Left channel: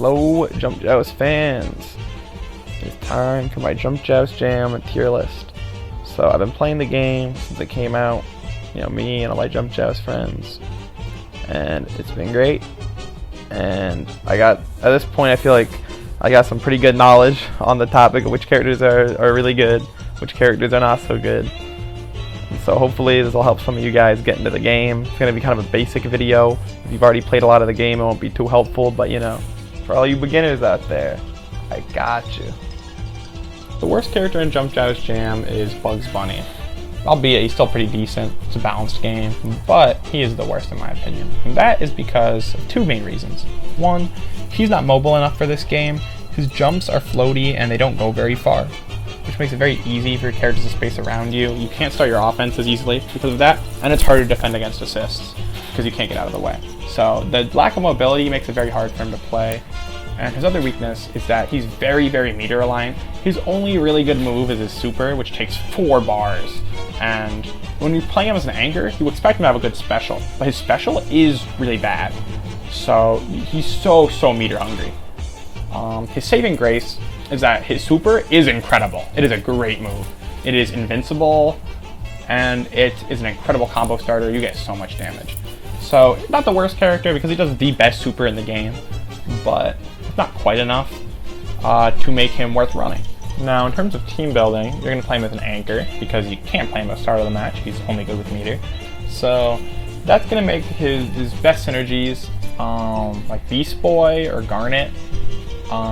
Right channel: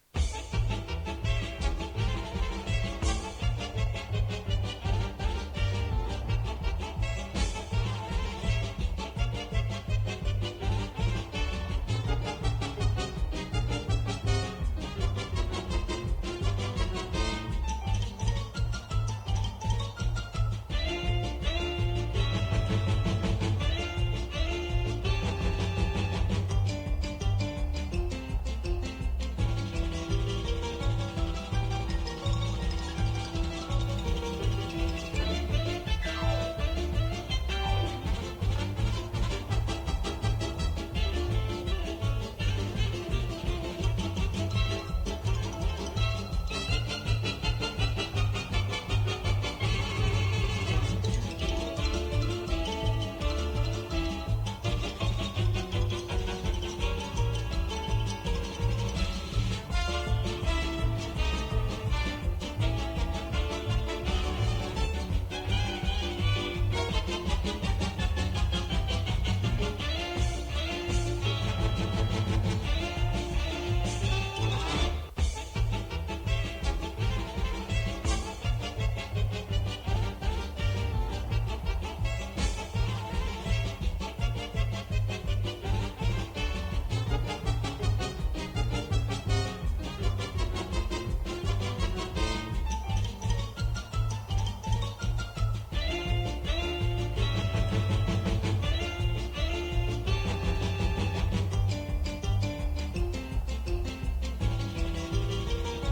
Hello, Jump Joust fans. It's time for my Jump Joust Jam tier list. So I've been playing the game since it came out, me and all my Jump Joust friends, and it's been great. And at this point, I feel like I got some pretty good knowledge on the topic of which characters are really good, which characters are not so good. So hopefully this will help some of you guys get into the game. It's going to be kind of a basic video. If you've already played a lot of the game, it won't be too helpful, but for all you beginners out there, I got you. The worst character in Jump Joust Jam is Bugs Bunny. Albeit he's still pretty decent, it's a balanced game, but he is the worst in my opinion. And that is because of two main reasons. One, he's not mobile enough for this game. His jumps are floaty and they don't go very far, which makes it very easy for your characters to space around you. You can't start your offense as easily because of that, and it's harder to defend against assists because you can't get out of the way. So the lack of mobility makes it very hard for him to play. And his other weakness is that he's very, very meter aligned. His only really good move is his super, which takes 4 bars. And when you play him as an anchor, you expect him to have a good special, but his special is really bad. So he's so meter hungry. His saving grace is that his super is incredible. It is a great move. It is invincible, and it is an incredible combo starter. You get so much damage. So not the worst character because he does the best super in the game, but not quite enough to make him worth running. Now, in terms of team building, you're going to play him as an anchor because you can't play him at the start of the match. He's only good with meter. So that's going to make his best synergies like Beast Boy or Garnet.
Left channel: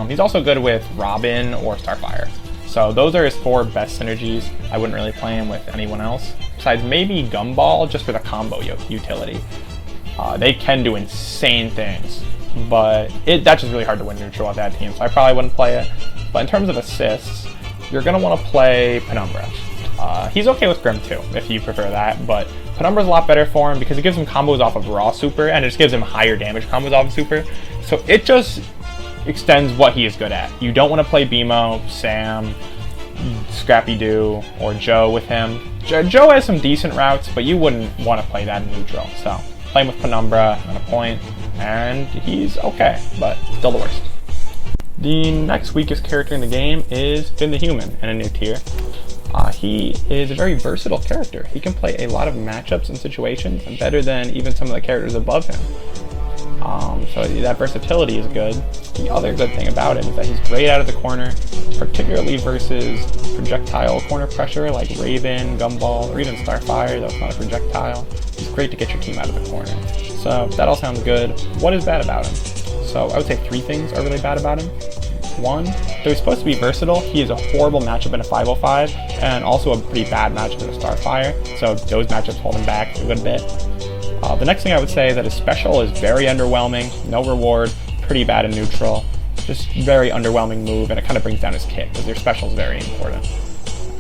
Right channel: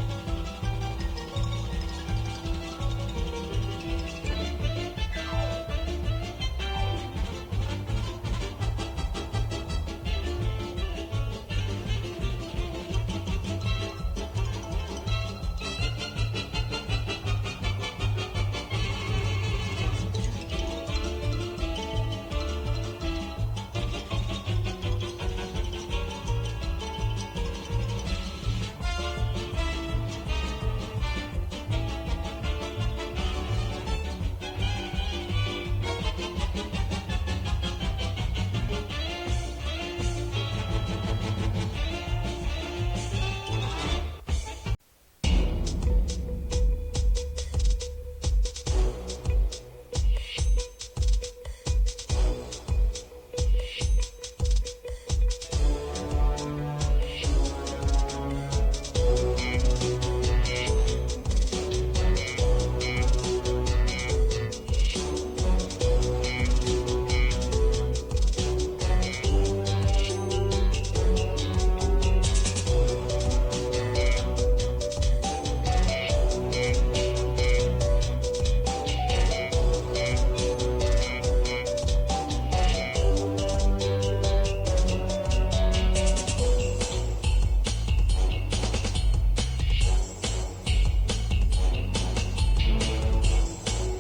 He's also good with Robin or Starfire. So those are his 4 best synergies. I wouldn't really play him with anyone else, besides maybe Gumball, just with a combo utility. They can do insane things, but that's just really hard to win neutral with that team, so I probably wouldn't play it. But in terms of assists, you're going to want to play Penumbra. He's okay with Grim too, if you prefer that, but Penumbra's a lot better for him because it gives him combos off of raw super, and it just gives him higher damage combos off of super. So it just extends what he is good at. You don't want to play BMO, Sam, Scrappy-Doo, or Joe with him. Joe has some decent routes, but you wouldn't want to play that in neutral, so play him with Penumbra on a point, and he's okay, but still the worst. The next weakest character in the game is Finn the Human in a new tier. He is a very versatile character. He can play a lot of matchups and situations better than even some of the characters above him. So that versatility is good. The other good thing about him is that he's great out of the corner, particularly versus projectile corner pressure like Raven, Gumball, or even Starfire. That's not a projectile. It's great to get your team out of the corner. So that all sounds good. What is bad about him? So I would say 3 things are really bad about him. 1, though he's supposed to be versatile, he is a horrible matchup in a 505, and also a pretty bad matchup in a Starfire, so those matchups hold him back a good bit. The next thing I would say is that his special is very underwhelming, no reward, pretty bad in neutral, just very underwhelming move, and it kind of brings down his kit, because your special is very important.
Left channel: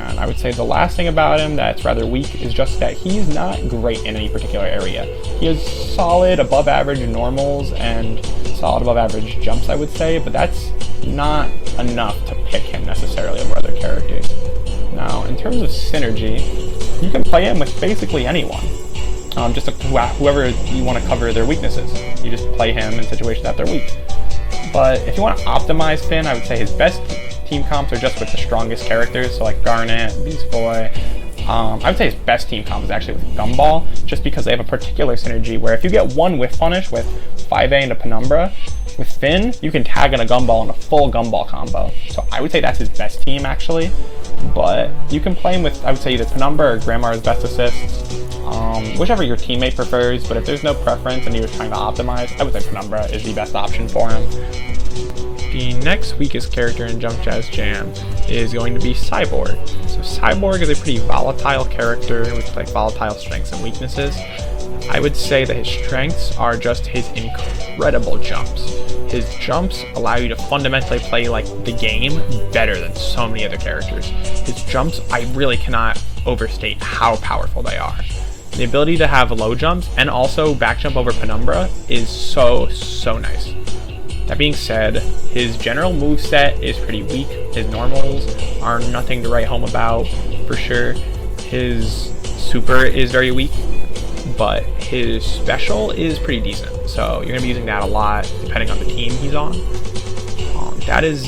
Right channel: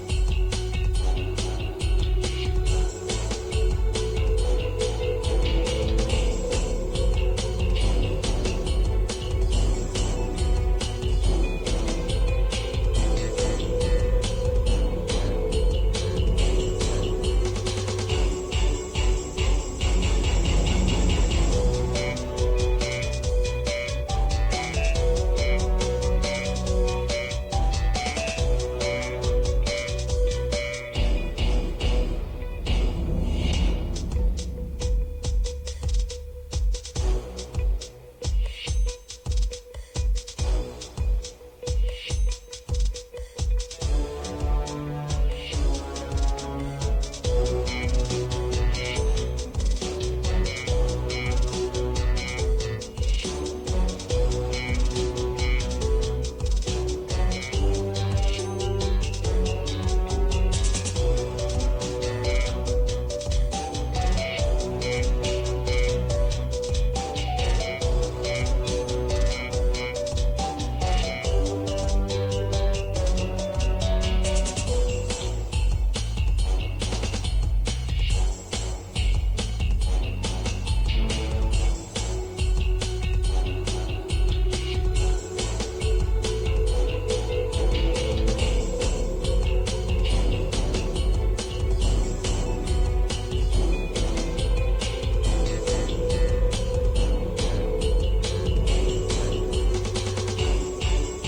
And I would say the last thing about him that's rather weak is just that he's not great in any particular area. He has solid above average normals and solid above average jumps, I would say, but that's not enough to pick him necessarily over other characters. Now, in terms of synergy, you can play him with basically anyone. Just whoever you want to cover their weaknesses. You just play him in situations that they're weak. But if you want to optimize Finn, I would say his best team comps are just with the strongest characters, so like Garnet, Beast Boy. I would say his best team comp is actually with Gumball, just because they have a particular synergy where if you get one whiff punish with 5A into Penumbra, with Finn, you can tag in a Gumball in a full Gumball combo. So I would say that's his best team actually, but you can play him with, I would say, either Penumbra or Grandma's best assist, whichever your teammate prefers, but if there's no preference and you're trying to optimize, I would say Penumbra is the best option for him. The next weakest character in Jump Joust Jam is going to be Cyborg. So Cyborg is a pretty volatile character with like volatile strengths and weaknesses. I would say that his strengths are just his incredible jumps. His jumps allow you to fundamentally play like the game better than so many other characters. His jumps, I really cannot overstate how powerful they are. The ability to have low jumps and also back jump over Penumbra is so nice. That being said, his general moveset is pretty weak. His normals are nothing to write home about, for sure. His super is very weak, but his special is pretty decent. so you're going to be using that a lot depending on the team who's on. That is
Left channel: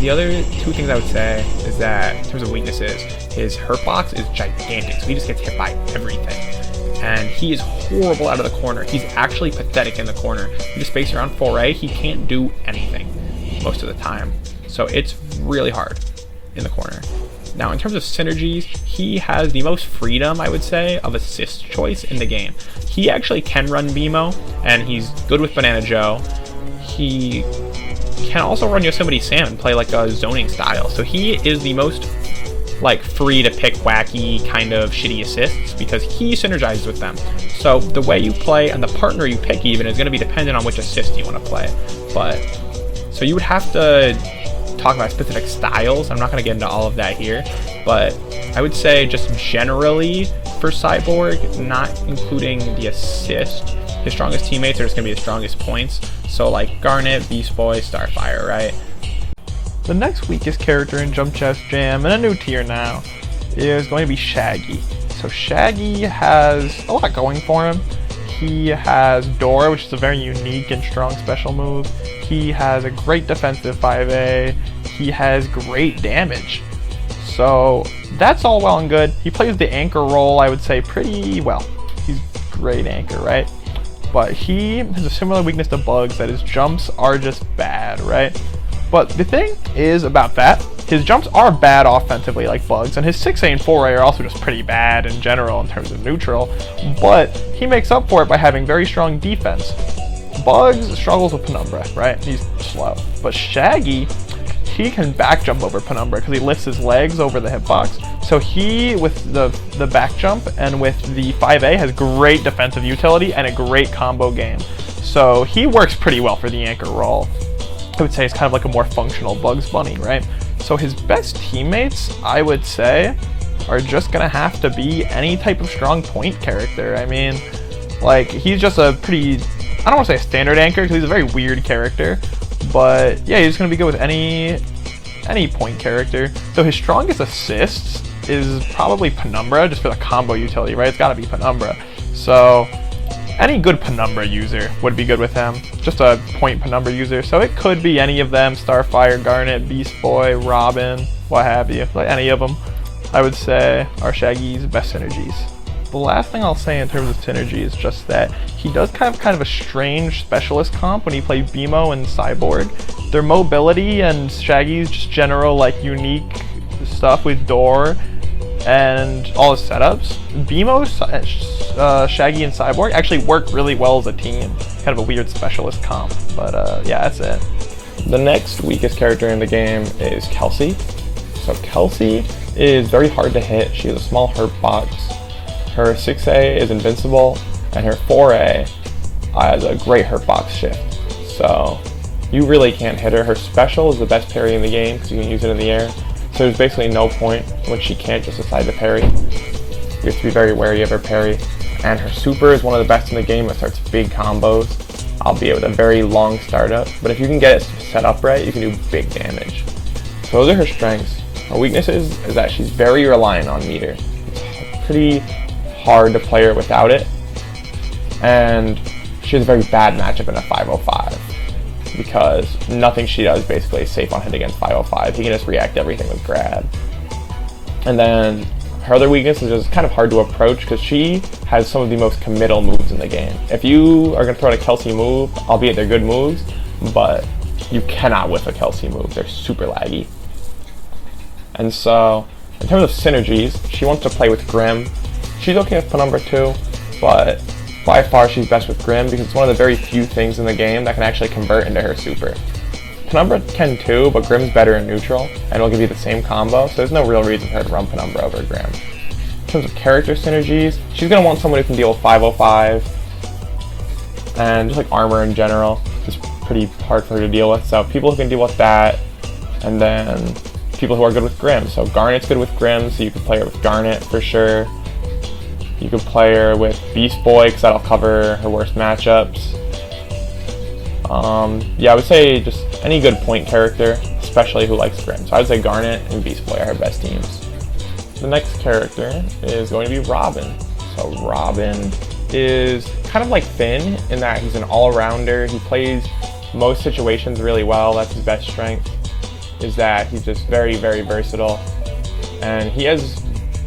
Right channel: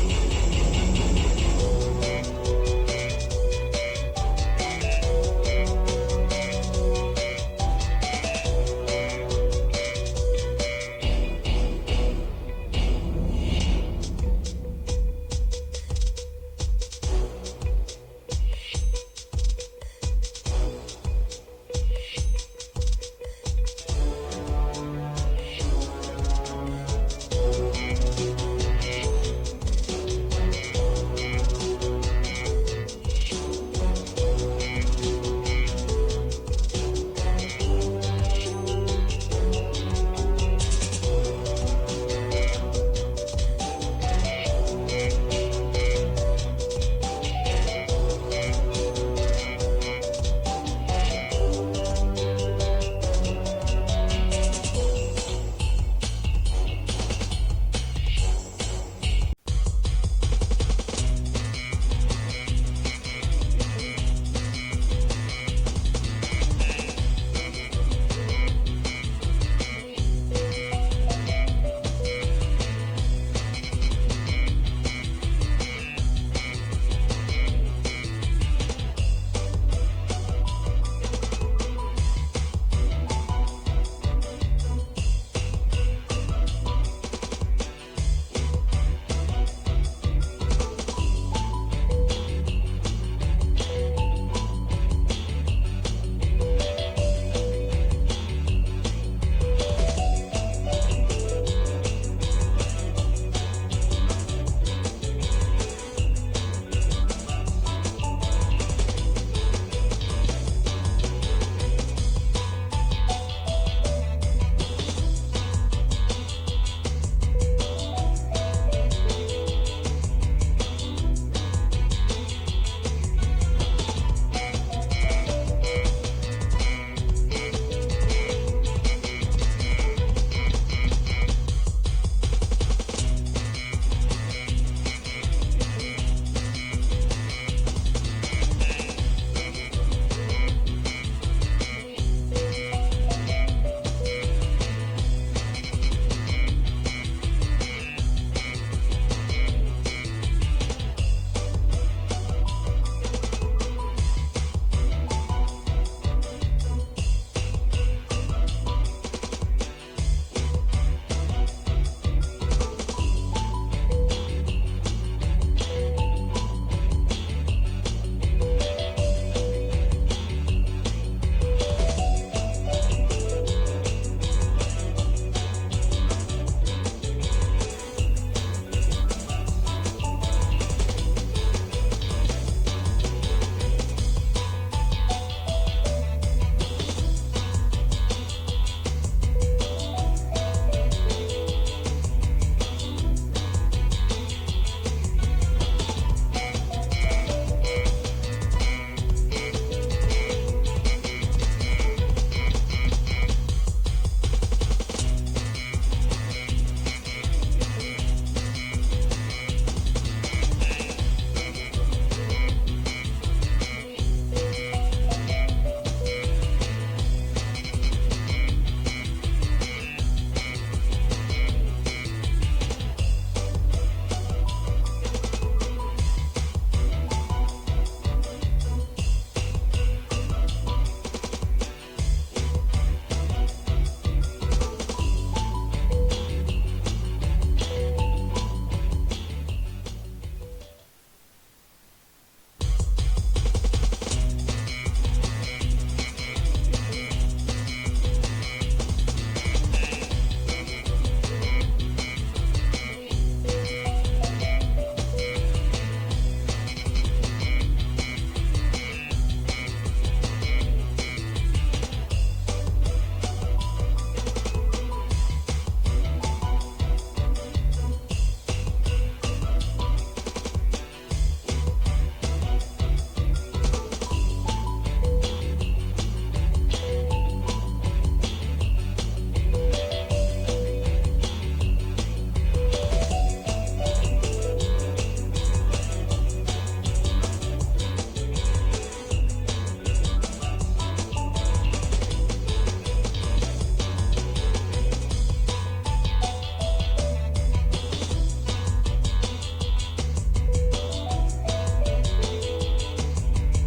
the other two things I would say is that in terms of weaknesses, his hurt box is gigantic, so he just gets hit by everything. And he is horrible out of the corner. He's actually pathetic in the corner. He just space around 4A, he can't do anything most of the time. So it's really hard in the corner. Now, in terms of synergies, he has the most freedom, I would say, of assist choice in the game. He actually can run BMO, and he's good with Banana Joe. He can also run Yosemite Sam and play like a zoning style. So he is the most like free to pick wacky kind of shitty assists because he synergizes with them. So the way you play and the partner you pick even is going to be dependent on which assist you want to play. But so you would have to talk about specific styles. I'm not going to get into all of that here, but I would say just generally for Cyborg, not including the assist, his strongest teammates are just going to be his strongest points. So like Garnet, Beast Boy, Starfire, right? The next weakest character in Jump Joust Jam, and a new tier now, is going to be Shaggy. So Shaggy has a lot going for him. He has Door, which is a very unique and strong special move. He has a great defensive 5A. He has great damage. So that's all well and good. He plays the anchor role, I would say, pretty well. He's a great anchor, right? But he has a similar weakness to Bugs, that his jumps are just bad, right? But the thing is about that, his jumps are bad offensively like Bugs, and his 6A and 4A are also just pretty bad in general in terms of neutral, but he makes up for it by having very strong defense. Bugs struggles with Penumbra, right? He's slow. But Shaggy, he can back jump over Penumbra because he lifts his legs over the hitbox. So he, with the back jump and with the 5A, has great defensive utility and a great combo game. So he works pretty well for the anchor role. I would say it's kind of like a more functional Bugs Bunny, right? So his best teammates, I would say, are just going to have to be any type of strong point character. I mean, like, he's just a pretty, I don't want to say a standard anchor because he's a very weird character, but yeah, he's going to be good with any point character. So his strongest assists is probably Penumbra, just for the combo utility, right? It's got to be Penumbra. So any good Penumbra user would be good with him. Just a point Penumbra user. So it could be any of them, Starfire, Garnet, Beast Boy, Robin, what have you. Like any of them, I would say, are Shaggy's best synergies. The last thing I'll say in terms of synergy is just that he does kind of a strange specialist comp when he plays BMO and Cyborg. Their mobility and Shaggy's just general like unique stuff with Door and all his setups. BMO, Shaggy, and Cyborg actually work really well as a team. Kind of a weird specialist comp, but yeah, that's it. The next weakest character in the game is Kelsey. So Kelsey is very hard to hit. She has a small hurt box. Her 6A is invincible, and her 4A has a great hurt box shift. So you really can't hit her. Her special is the best parry in the game because you can use it in the air. So there's basically no point when she can't just decide to parry. You have to be very wary of her parry. And her super is one of the best in the game. It starts big combos, albeit with a very long startup. But if you can get it set up right, you can do big damage. So those are her strengths. Her weaknesses is that she's very reliant on meter. It's pretty hard to play her without it. And she has a very bad matchup in a 505. Because nothing she does basically is safe on hit against 505. He can just react to everything with grab. And then her other weakness is just kind of hard to approach because she has some of the most committal moves in the game. If you are going to throw out a Kelsey move, albeit they're good moves, but you cannot whiff a Kelsey move. They're super laggy. And so, in terms of synergies, she wants to play with Grim. She's okay with Penumbra too, but by far she's best with Grim because it's one of the very few things in the game that can actually convert into her super. Penumbra can too, but Grim's better in neutral, and it'll give you the same combo, so there's no real reason for her to run Penumbra over Grim. In terms of character synergies, she's going to want someone who can deal with 505, and just like armor in general, is pretty hard for her to deal with, so people who can deal with that, and then people who are good with Grim. So Garnet's good with Grim, so you can play her with Garnet for sure. You could play her with Beast Boy, because that'll cover her worst matchups. Yeah, I would say just any good point character, especially who likes Grim. So I would say Garnet and Beast Boy are her best teams. The next character is going to be Robin. So Robin is kind of like Finn in that he's an all-rounder. He plays most situations really well. That's his best strength, is that he's just very, very versatile. And he does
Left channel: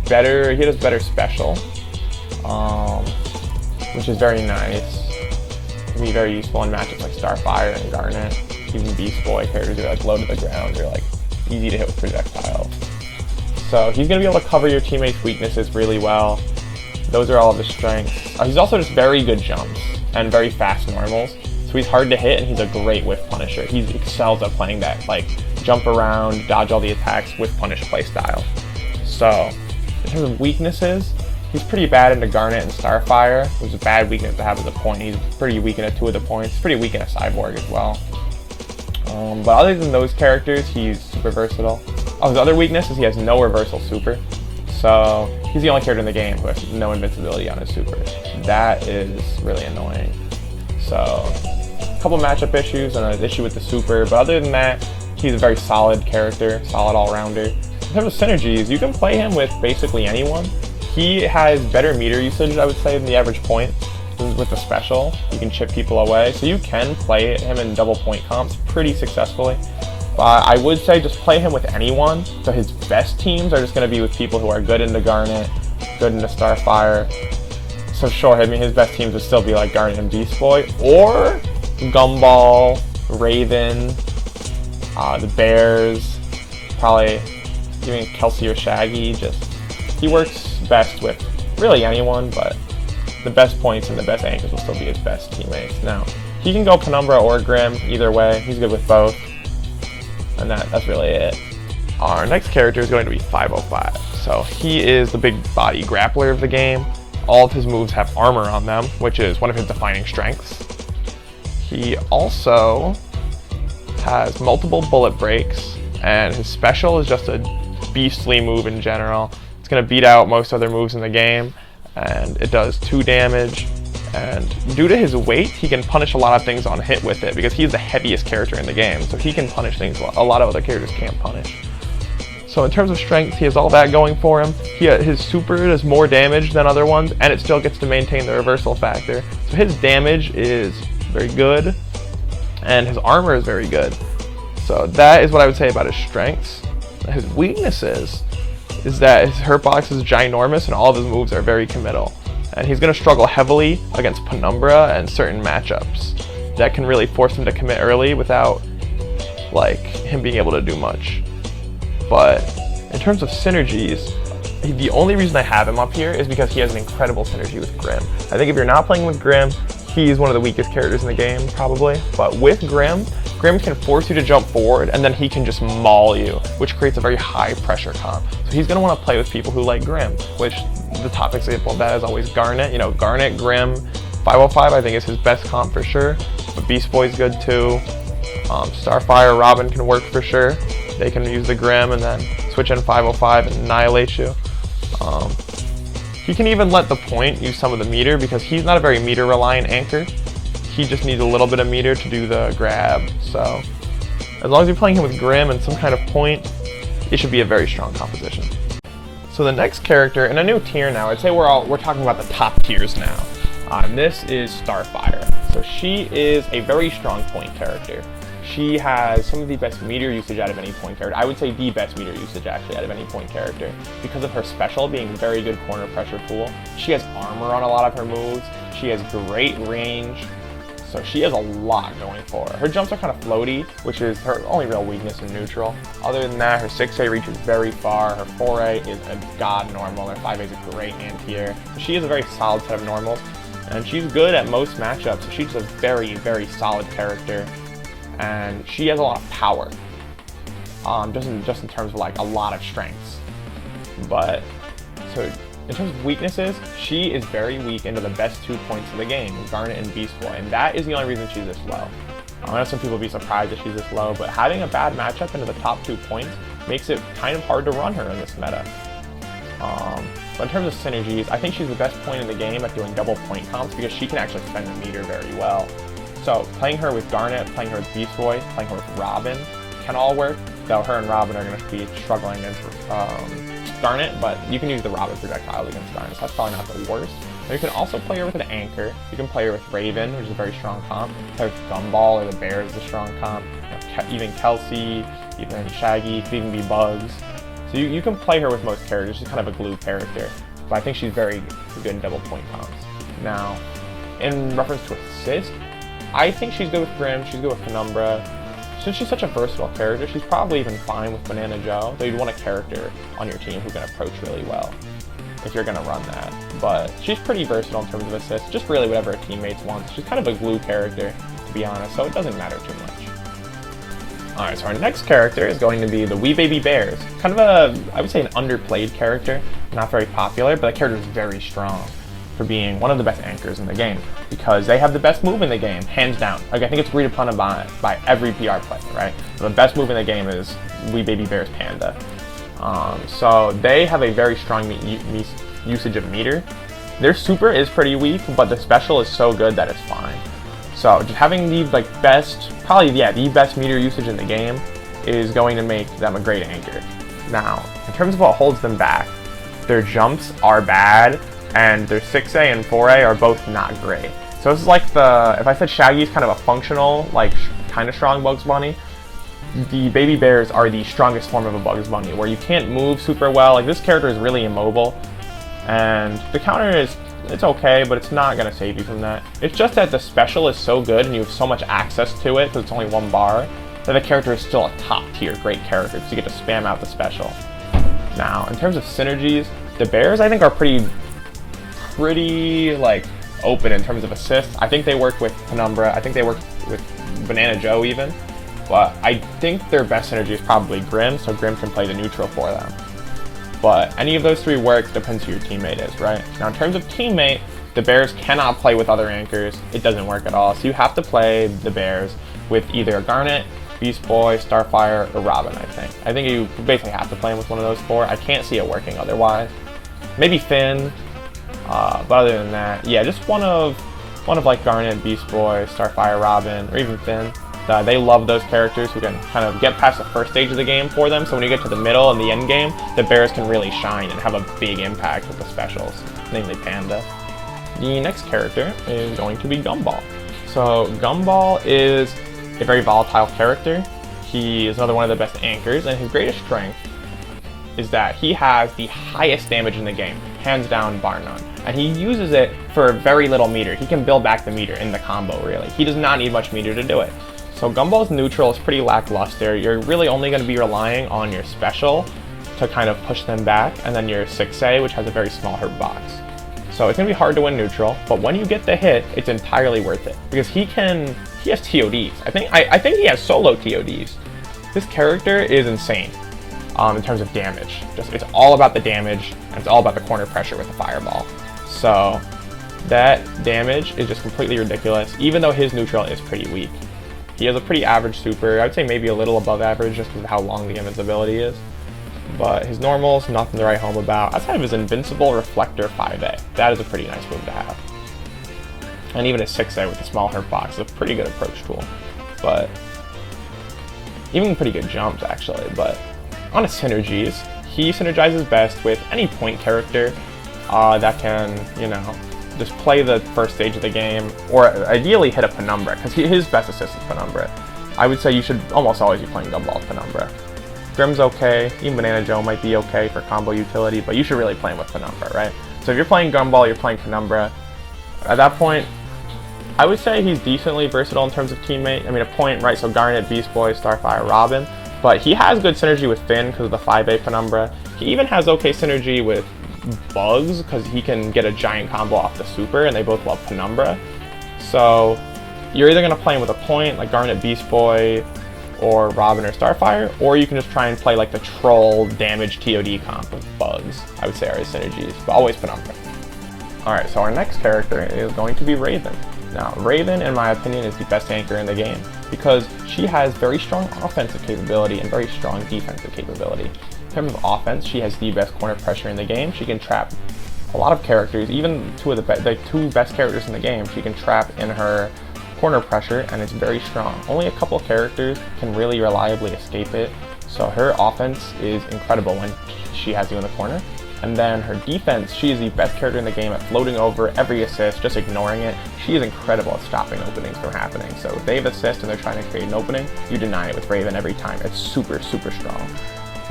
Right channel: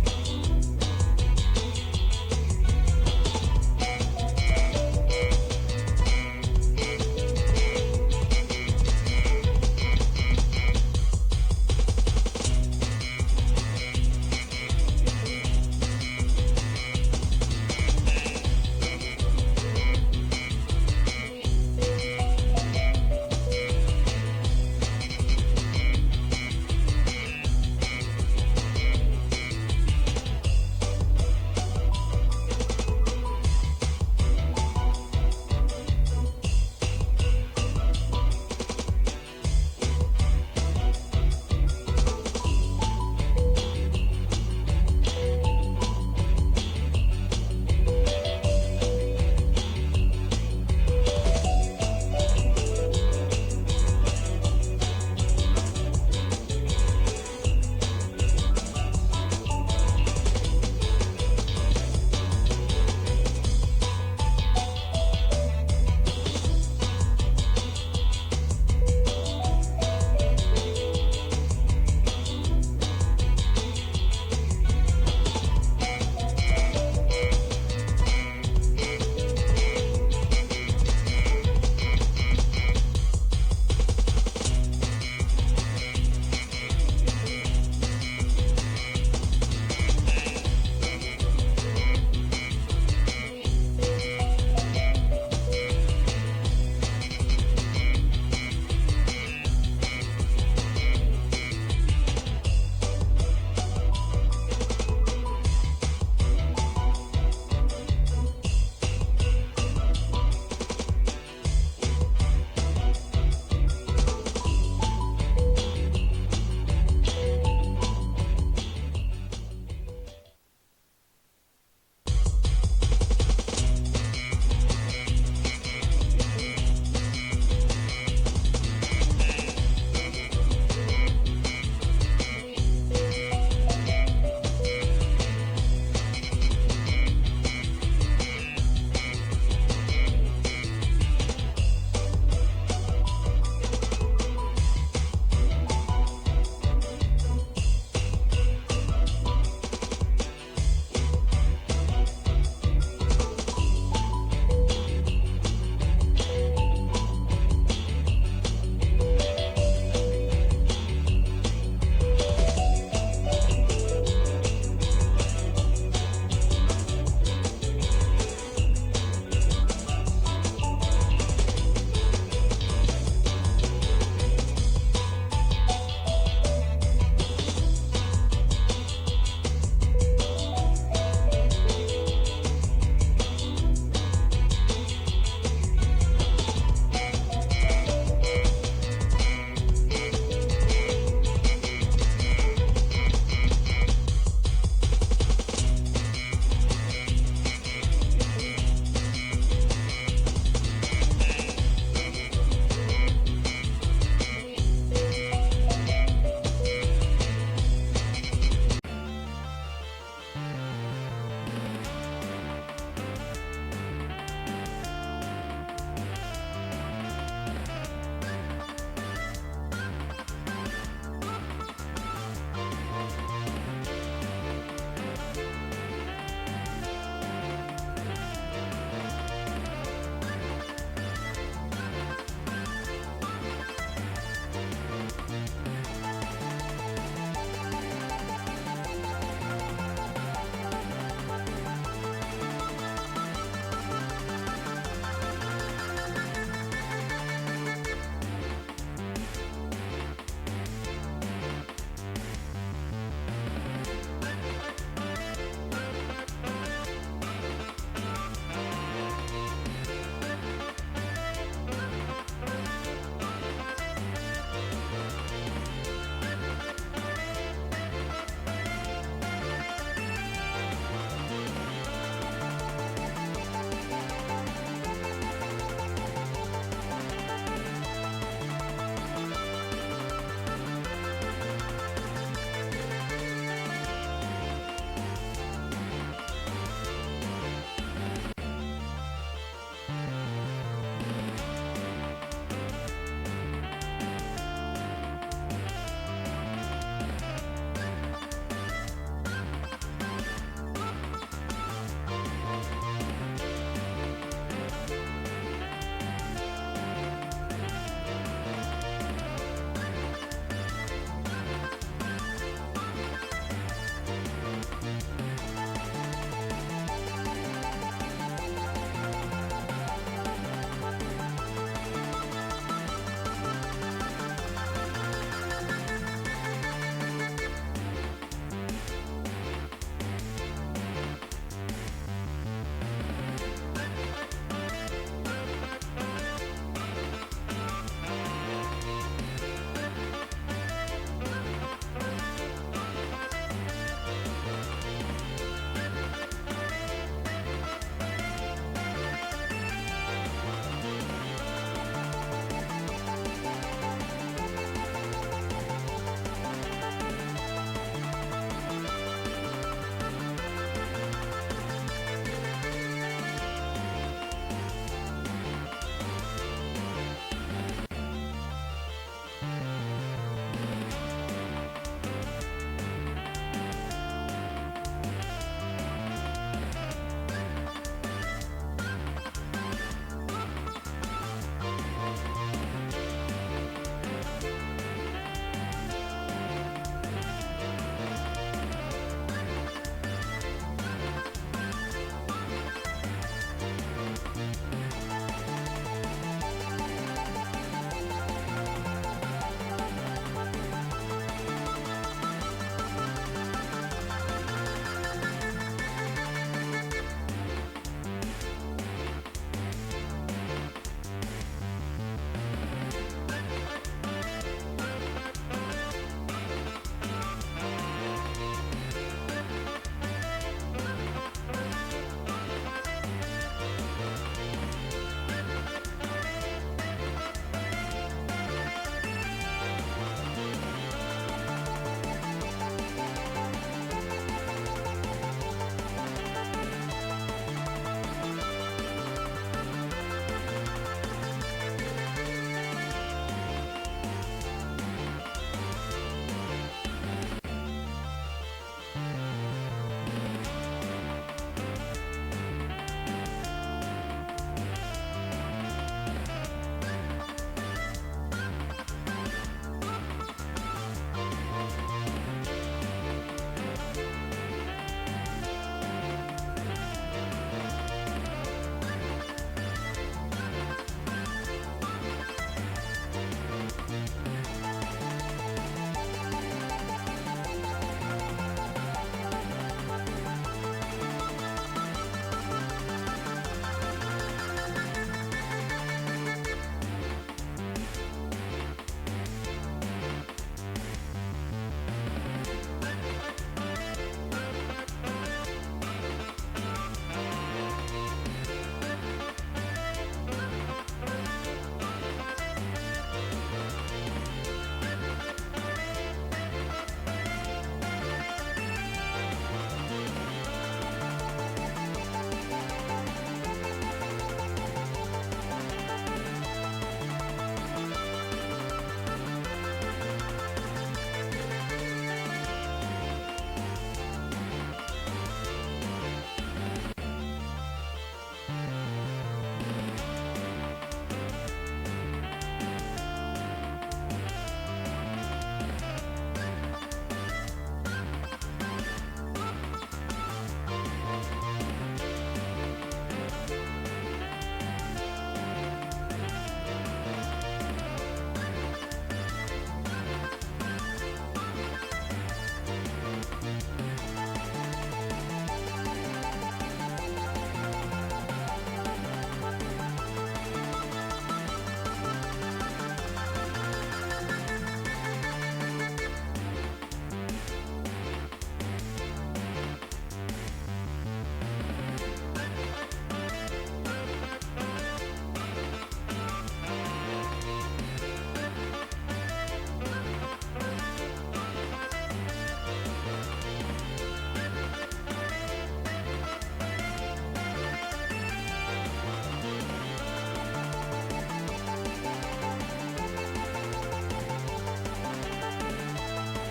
better special, which is very nice. He's very useful in matches like Starfire and Garnet. Even Beast Boy characters are like low to the ground, they're like easy to hit with projectiles. So he's going to be able to cover your teammates' weaknesses really well. Those are all of his strengths. He's also just very good jumps and very fast normals. So he's hard to hit, and he's a great whiff punisher. He's excelled at playing that like jump around, dodge all the attacks, whiff punish playstyle. So in terms of weaknesses, he's pretty bad into Garnet and Starfire. It's a bad weakness to have as a point. He's pretty weak into 2 of the points. He's pretty weak in a Cyborg as well. But other than those characters, he's super versatile. His other weakness is he has no reversal super. So he's the only character in the game with no invincibility on his super. That is really annoying. So a couple matchup issues and an issue with the super, but other than that, he's a very solid character, solid all-rounder. In terms of synergies, you can play him with basically anyone. He has better meter usage, I would say, than the average point. With the special, you can chip people away, so you can play him in double point comps pretty successfully. I would say just play him with anyone, so his best teams are just going to be with people who are good into Garnet, good into Starfire. So sure, I mean his best teams would still be like Garnet and Beast Boy, or Gumball, Raven, the Bears, probably even Kelsey or Shaggy. He works best with really anyone, but the best points and the best angles will still be his best teammates. Now, he can go Penumbra or Grim, either way. He's good with both. And that's really it. Our next character is going to be 505. So he is the big body grappler of the game. All of his moves have armor on them, which is one of his defining strengths. He also has multiple bullet breaks, and his special is just a beastly move in general. It's going to beat out most other moves in the game, and it does 2 damage. And due to his weight, he can punish a lot of things on hit with it, because he's the heaviest character in the game, so he can punish things a lot of other characters can't punish. So in terms of strength, he has all that going for him. His super does more damage than other ones, and it still gets to maintain the reversal factor. So his damage is very good, and his armor is very good. So that is what I would say about his strengths. His weaknesses is that his hurt box is ginormous, and all of his moves are very committal. And he's going to struggle heavily against Penumbra and certain matchups that can really force him to commit early without like him being able to do much. But in terms of synergies, the only reason I have him up here is because he has an incredible synergy with Grim. I think if you're not playing with Grim, he's one of the weakest characters in the game, probably. But with Grim can force you to jump forward, and then he can just maul you, which creates a very high pressure comp. So he's going to want to play with people who like Grim, which the top example of that is always Garnet. You know, Garnet, Grim, 505 I think is his best comp for sure. But Beast Boy's good too. Starfire, Robin can work for sure. They can use the Grim and then switch in 505 and annihilate you. He can even let the point use some of the meter, because he's not a very meter reliant anchor. He just needs a little bit of meter to do the grab. So as long as you're playing him with Grim and some kind of point, it should be a very strong composition. So the next character in a new tier now, I'd say we're talking about the top tiers now. This is Starfire. So she is a very strong point character. She has some of the best meter usage out of any point character. I would say the best meter usage actually out of any point character, because of her special being very good corner pressure pool. She has armor on a lot of her moves. She has great range. So she has a lot going for her. Her jumps are kind of floaty, which is her only real weakness in neutral. Other than that, her 6A reaches very far. Her 4A is a god normal. Her 5A is a great anti-air. She is a very solid set of normals, and she's good at most matchups. So she's a very, very solid character, and she has a lot of power. Just in terms of like a lot of strengths. But so in terms of weaknesses, she is very weak into the best 2 points of the game, Garnet and Beast Boy, and that is the only reason she's this low. I know some people will be surprised that she's this low, but having a bad matchup into the top 2 points makes it kind of hard to run her in this meta. But in terms of synergies, I think she's the best point in the game at doing double point comps, because she can actually defend the meter very well. So playing her with Garnet, playing her with Beast Boy, playing her with Robin can all work, though her and Robin are going to be struggling against Garnet, but you can use the Robin projectile against Garnet, so that's probably not the worst. Now you can also play her with an anchor. You can play her with Raven, which is a very strong comp. Play with Gumball or the Bear is a strong comp. Even Kelsey, even Shaggy, could even be Bugs. So you can play her with most characters. She's kind of a glue character. But I think she's very good in double point comps. Now, in reference to assist, I think she's good with Grim, she's good with Penumbra. Since she's such a versatile character, she's probably even fine with Banana Joe. Though you'd want a character on your team who can approach really well if you're going to run that. But she's pretty versatile in terms of assists, just really whatever her teammates want. She's kind of a glue character, to be honest, so it doesn't matter too much. Alright, so our next character is going to be the Wee Baby Bears. Kind of I would say an underplayed character, not very popular, but that character is very strong for being one of the best anchors in the game, because they have the best move in the game, hands down. Like, I think it's agreed upon by every PR player, right? The best move in the game is Wee Baby Bears Panda. So they have a very strong usage of meter. Their super is pretty weak, but the special is so good that it's fine. So just having the the best meter usage in the game is going to make them a great anchor. Now, in terms of what holds them back, their jumps are bad, and their 6A and 4A are both not great. So this is like if I said Shaggy's kind of a functional, like kind of strong Bugs Bunny, the Baby Bears are the strongest form of a Bugs Bunny, where you can't move super well. Like, this character is really immobile, and the counter it's okay, but it's not going to save you from that. It's just that the special is so good and you have so much access to it because it's only one bar, that the character is still a top tier great character, so you get to spam out the special. Now, in terms of synergies, the Bears I think are pretty like open in terms of assists. I think they work with Penumbra, I think they work with Banana Joe even, but I think their best synergy is probably Grim, so Grim can play the neutral for them. But any of those three works, depends who your teammate is, right? Now in terms of teammate, the Bears cannot play with other anchors. It doesn't work at all. So you have to play the Bears with either Garnet, Beast Boy, Starfire, or Robin, I think. I think you basically have to play him with one of those four. I can't see it working otherwise. Maybe Finn, but other than that, yeah, just one of like Garnet, Beast Boy, Starfire, Robin, or even Finn. They love those characters who can kind of get past the first stage of the game for them, so when you get to the middle and the end game, the Bears can really shine and have a big impact with the specials, namely Panda. The next character is going to be Gumball. So Gumball is a very volatile character. He is another one of the best anchors, and his greatest strength is that he has the highest damage in the game, hands down, bar none. And he uses it for very little meter. He can build back the meter in the combo, really. He does not need much meter to do it. So Gumball's neutral is pretty lackluster. You're really only going to be relying on your special to kind of push them back, and then your 6A, which has a very small hurt box. So it's going to be hard to win neutral, but when you get the hit, it's entirely worth it. Because he has TODs. I think he has solo TODs. This character is insane in terms of damage. It's all about the damage, and it's all about the corner pressure with the fireball. So that damage is just completely ridiculous, even though his neutral is pretty weak. He has a pretty average super. I would say maybe a little above average just because of how long the invincibility is. But his normals, nothing to write home about. Outside of his invincible reflector 5A. That is a pretty nice move to have. And even his 6A with the small hurt box is a pretty good approach tool. But even pretty good jumps actually. But on his synergies, he synergizes best with any point character that can, just play the first stage of the game, or ideally hit a Penumbra, because his best assist is Penumbra. I would say you should almost always be playing Gumball Penumbra. Grim's okay, even Banana Joe might be okay for combo utility, but you should really play him with Penumbra, right? So if you're playing Gumball, you're playing Penumbra. At that point, I would say he's decently versatile in terms of teammate. I mean, a point, right, so Garnet, Beast Boy, Starfire, Robin, but he has good synergy with Finn because of the 5A Penumbra. He even has okay synergy with Bugs because he can get a giant combo off the super, and they both love Penumbra. So you're either going to play him with a point like Garnet, Beast Boy, or Robin or Starfire, or you can just try and play like the troll damage TOD comp with Bugs. I would say are his synergies, but always Penumbra. Alright, so our next character is going to be Raven. Now, Raven, in my opinion, is the best anchor in the game because she has very strong offensive capability and very strong defensive capability. In terms of offense, she has the best corner pressure in the game. She can trap a lot of characters, even the two best characters in the game, she can trap in her corner pressure, and it's very strong. Only a couple characters can really reliably escape it, so her offense is incredible when she has you in the corner. And then her defense, she is the best character in the game at floating over every assist, just ignoring it. She is incredible at stopping openings from happening. So if they have assist and they're trying to create an opening, you deny it with Raven every time. It's super, super strong.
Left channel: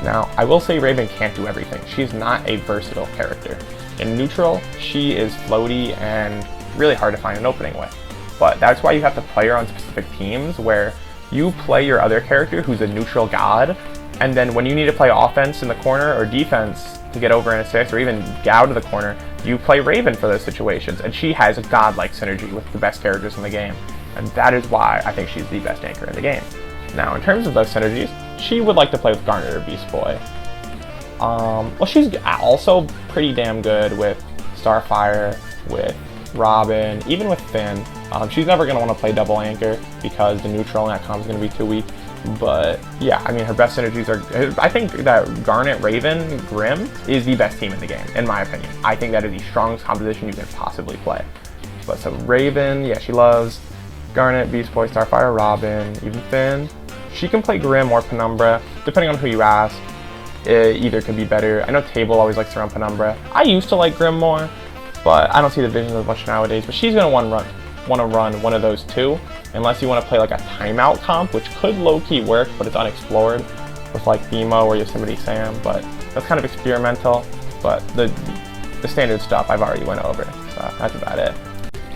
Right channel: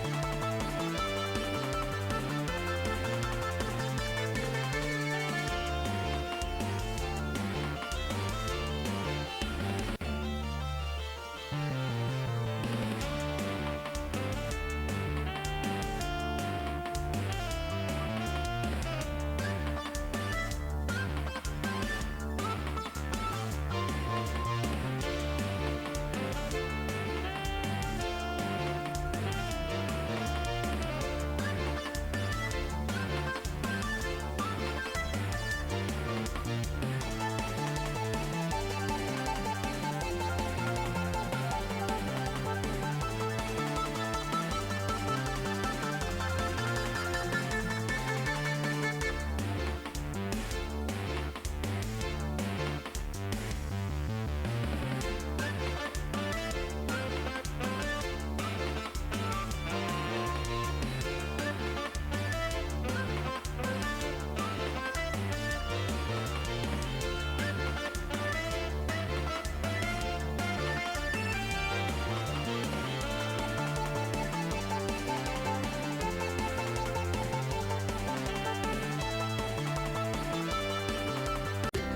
Now, I will say Raven can't do everything. She's not a versatile character. In neutral, she is floaty and really hard to find an opening with. But that's why you have to play her on specific teams where you play your other character who's a neutral god, and then when you need to play offense in the corner or defense to get over an assist or even get out of the corner, you play Raven for those situations, and she has a god-like synergy with the best characters in the game. And that is why I think she's the best anchor in the game. Now, in terms of those synergies, she would like to play with Garnet or Beast Boy. Well, she's also pretty damn good with Starfire, with Robin, even with Finn. She's never going to want to play double anchor because the neutral in that comp is going to be too weak. But yeah, I mean, her best synergies are, I think that Garnet, Raven, Grim is the best team in the game, in my opinion. I think that is the strongest composition you can possibly play. But so Raven, yeah, she loves Garnet, Beast Boy, Starfire, Robin, even Finn. She can play Grim or Penumbra, depending on who you ask. Either can be better. I know Table always likes to run Penumbra. I used to like Grim more, but I don't see the vision as much nowadays. But she's gonna want to run one of those two, unless you want to play like a timeout comp, which could low-key work, but it's unexplored with like Themo or Yosemite Sam. But that's kind of experimental. But the standard stuff I've already went over, so that's about it.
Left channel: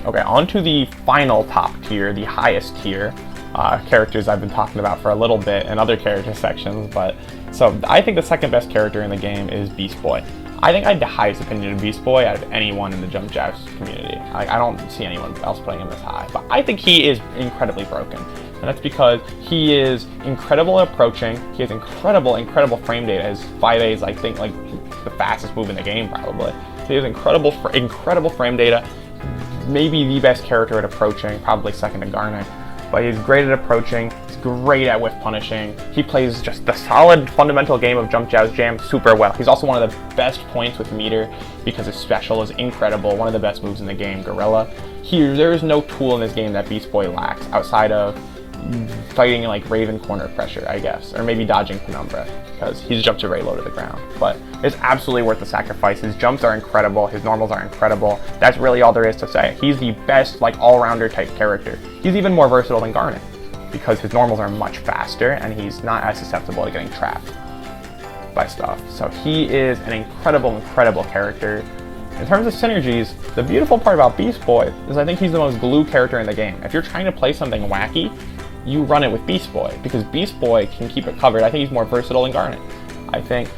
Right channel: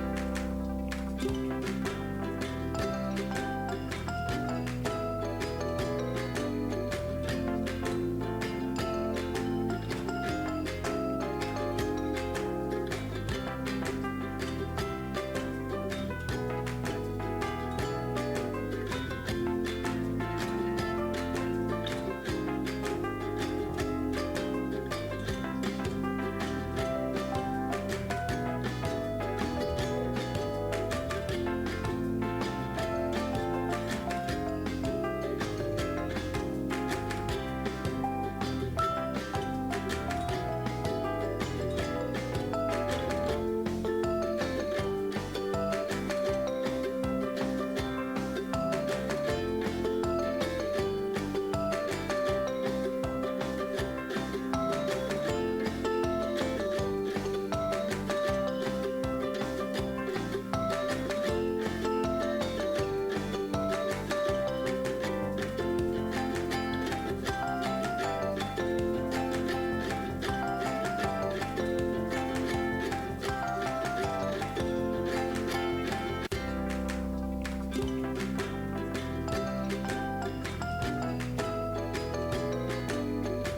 Okay, on to the final top tier, the highest tier. Characters I've been talking about for a little bit in other character sections, but so I think the second best character in the game is Beast Boy. I think I have the highest opinion of Beast Boy out of anyone in the Jump Jousts community. I don't see anyone else playing him as high, but I think he is incredibly broken. And that's because he is incredible at approaching, he has incredible frame data. His 5A is, I think, like the fastest move in the game probably. So he has incredible frame data, maybe the best character at approaching, probably second to Garnet. But he's great at approaching, he's great at whiff punishing. He plays just the solid fundamental game of Jump Joust Jam super well. He's also one of the best points with meter because his special is incredible, one of the best moves in the game, Gorilla. There is no tool in this game that Beast Boy lacks outside of fighting like Raven corner pressure, I guess, or maybe dodging Penumbra, because his jumps are very low to the ground. But it's absolutely worth the sacrifice. His jumps are incredible, his normals are incredible. That's really all there is to say. He's the best like all-rounder type character. He's even more versatile than Garnet, because his normals are much faster and he's not as susceptible to getting trapped by stuff. So he is an incredible character. In terms of synergies, the beautiful part about Beast Boy is I think he's the most glue character in the game. If you're trying to play something wacky, you run it with Beast Boy, because Beast Boy can keep it covered. I think he's more versatile than Garnet. I think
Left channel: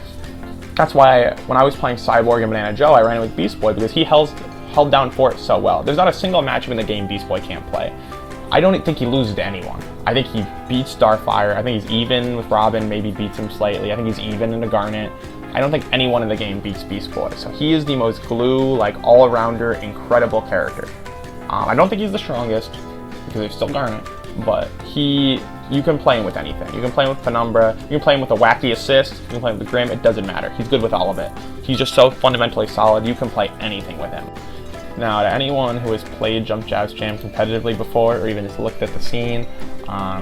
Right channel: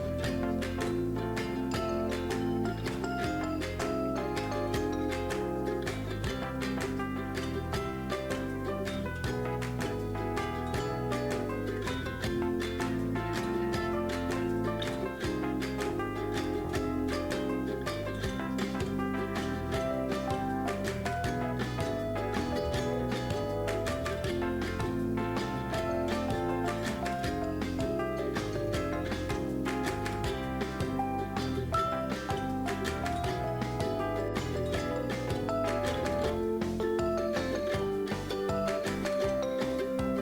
that's why when I was playing Cyborg and Banana Joe, I ran it with Beast Boy, because he held down fort so well. There's not a single matchup in the game Beast Boy can't play. I don't think he loses to anyone. I think he beats Starfire. I think he's even with Robin, maybe beats him slightly. I think he's even into Garnet. I don't think anyone in the game beats Beast Boy. So he is the most glue, like all-arounder, incredible character. I don't think he's the strongest, because there's still Garnet, but you can play him with anything. You can play him with Penumbra, you can play him with a wacky assist, you can play him with Grim, it doesn't matter. He's good with all of it. He's just so fundamentally solid, you can play anything with him. Now, to anyone who has played Jump Joust Jam competitively before, or even just looked at the scene,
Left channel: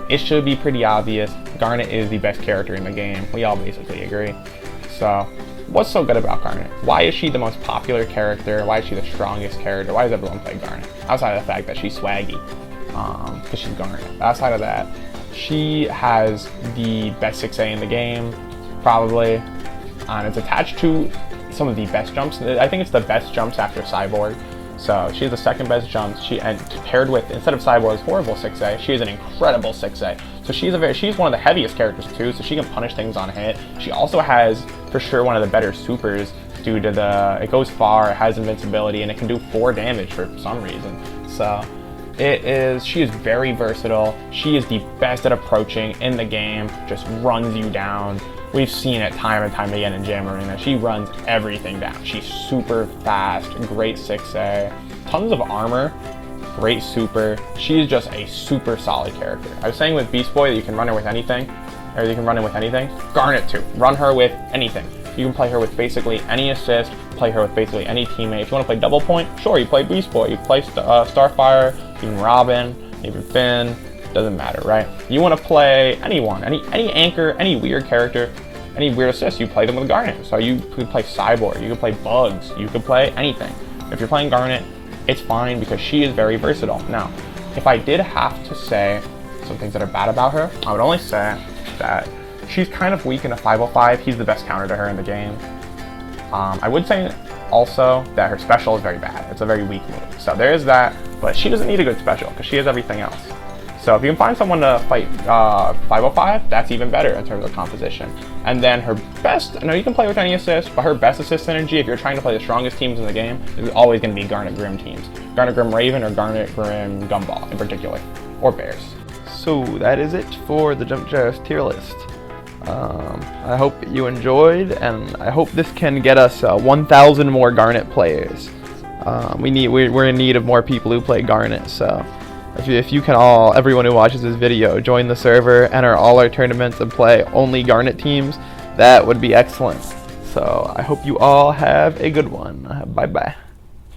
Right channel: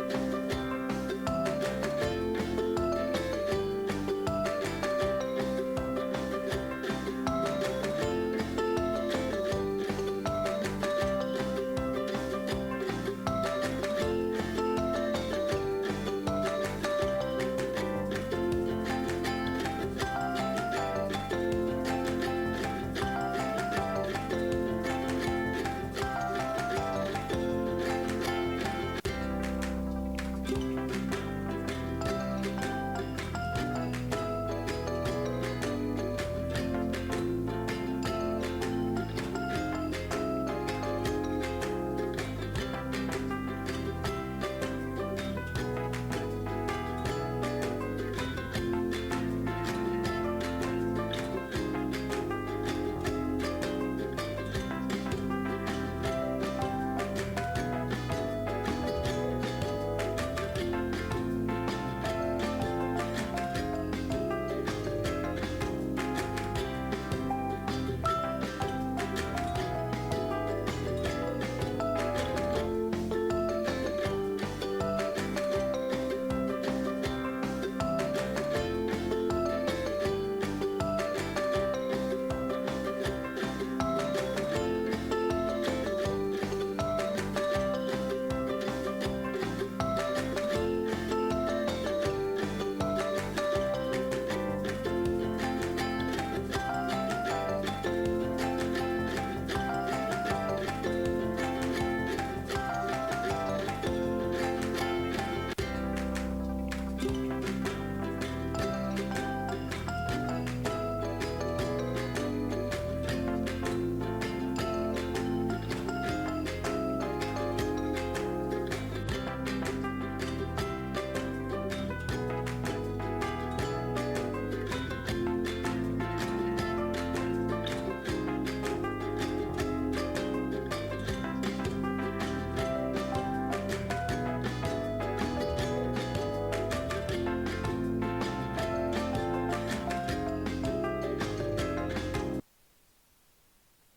it should be pretty obvious. Garnet is the best character in the game. We all basically agree. So, what's so good about Garnet? Why is she the most popular character? Why is she the strongest character? Why does everyone play Garnet? Outside of the fact that she's swaggy, because she's Garnet. Outside of that, she has the best 6A in the game, probably. It's attached to some of the best jumps. I think it's the best jumps after Cyborg. So she's the second best jump. And paired with, instead of Cyborg's horrible 6A, she is an incredible 6A. So she's one of the heaviest characters too, so she can punish things on hit. She also has, for sure, one of the better supers due to it goes far, it has invincibility, and it can do 4 damage for some reason. So she is very versatile. She is the best at approaching in the game, just runs you down. We've seen it time and time again in Jam Arena. She runs everything down. She's super fast, great 6A, tons of armor, great super. She is just a super solid character. I was saying with Beast Boy that you can run her with anything, or you can run it with anything. Garnet too. Run her with anything. You can play her with basically any assist, play her with basically any teammate. If you want to play double point, sure, you play Beast Boy. You play Starfire, even Robin, maybe Finn. Doesn't matter, right? You want to play anyone, any anchor, any weird character, any weird assists, you play them with Garnet. So you could play Cyborg, you could play Bugs, you could play anything. If you're playing Garnet, it's fine because she is very versatile. Now, if I did have to say some things that are bad about her, I would only say that she's kind of weak in a 505. He's the best counter to her in the game. I would say also that her special is very bad. It's a very weak move. So there is that, but she doesn't need a good special because she has everything else. So if you can find someone to fight 505, that's even better in terms of composition. And then her best, I know you can play with any assist, but her best assist synergy, if you're trying to play the strongest teams in the game, is always going to be Garnet Grim teams. Garnet Grim Raven or Garnet Grim Gumball in particular, or Bears. So that is it for the Jump Joust tier list. I hope you enjoyed, and I hope this can get us 1,000 more Garnet players. We're in need of more people who play Garnet, so if you can everyone who watches this video, join the server, enter all our tournaments, and play only Garnet teams, that would be excellent. So I hope you all have a good one. Bye bye.